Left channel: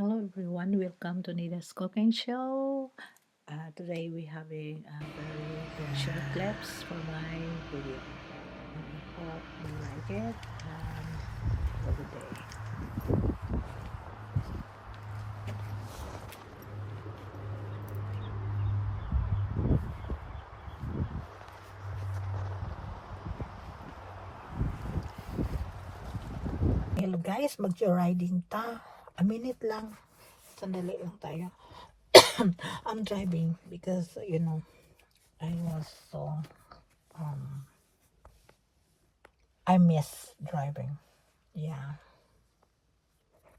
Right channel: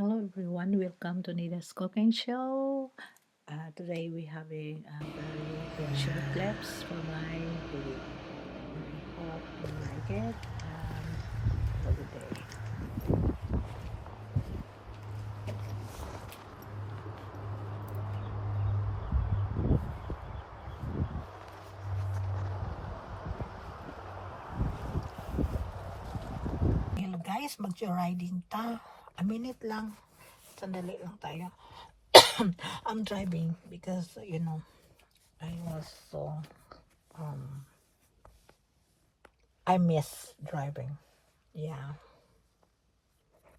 Hello everyone, welcome to Nida's Cooking Show. Today we having a very short clips for my video. I hope you like it and have a good day. Hello guys, mag-riding ta. A minute lang. Sandali lang tayo. I'm driving because I was so I miss driving. Yeah.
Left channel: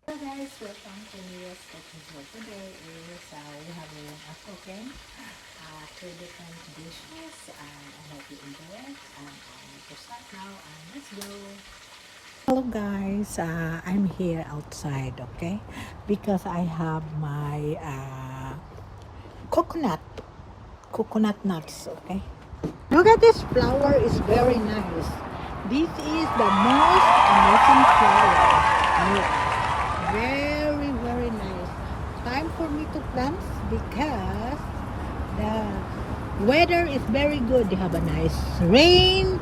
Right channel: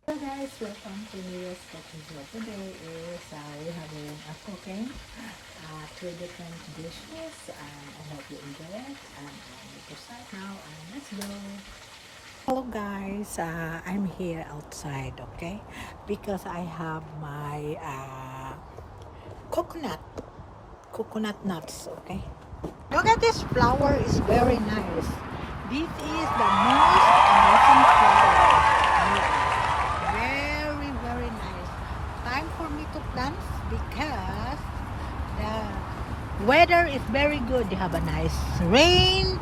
Hello guys, welcome to Nida's Cooking Show. Today is we having a cooking three different dishes and I hope you enjoy it and to start now and let's go. Hello guys, I'm here outside, okay, because I have my coconut nuts, okay. Look at this flower, is very nice. This is the most amazing flower. Very, very nice. Time for me to plant because the weather is very good. They have a nice rain.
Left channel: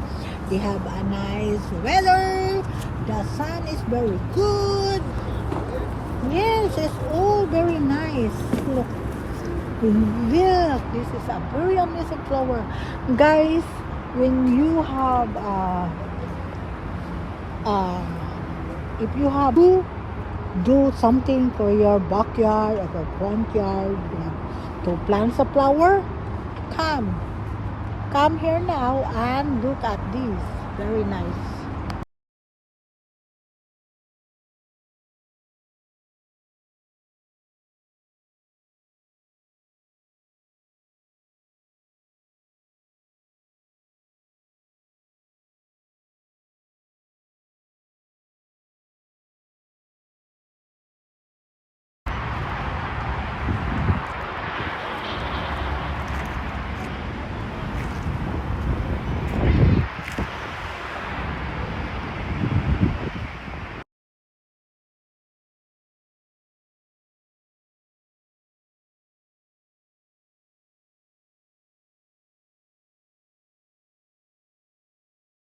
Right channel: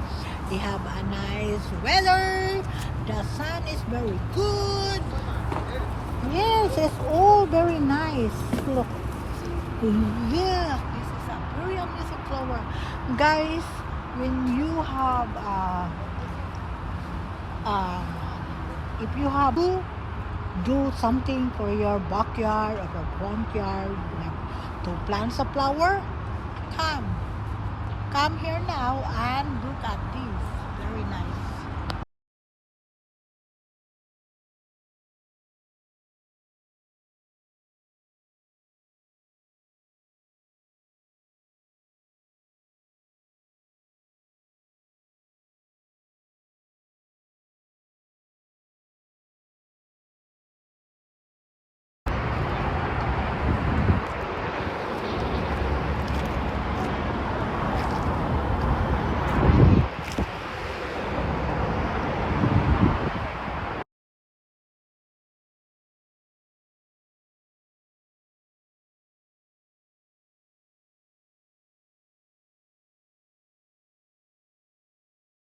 They have a nice weather. The sun is very good. Yes, it's all very nice. Look. Look, this is a very amazing flower. Guys, when you have if you have to do something for your backyard or your front yard, to plant a flower, come here now and look at this. Very nice.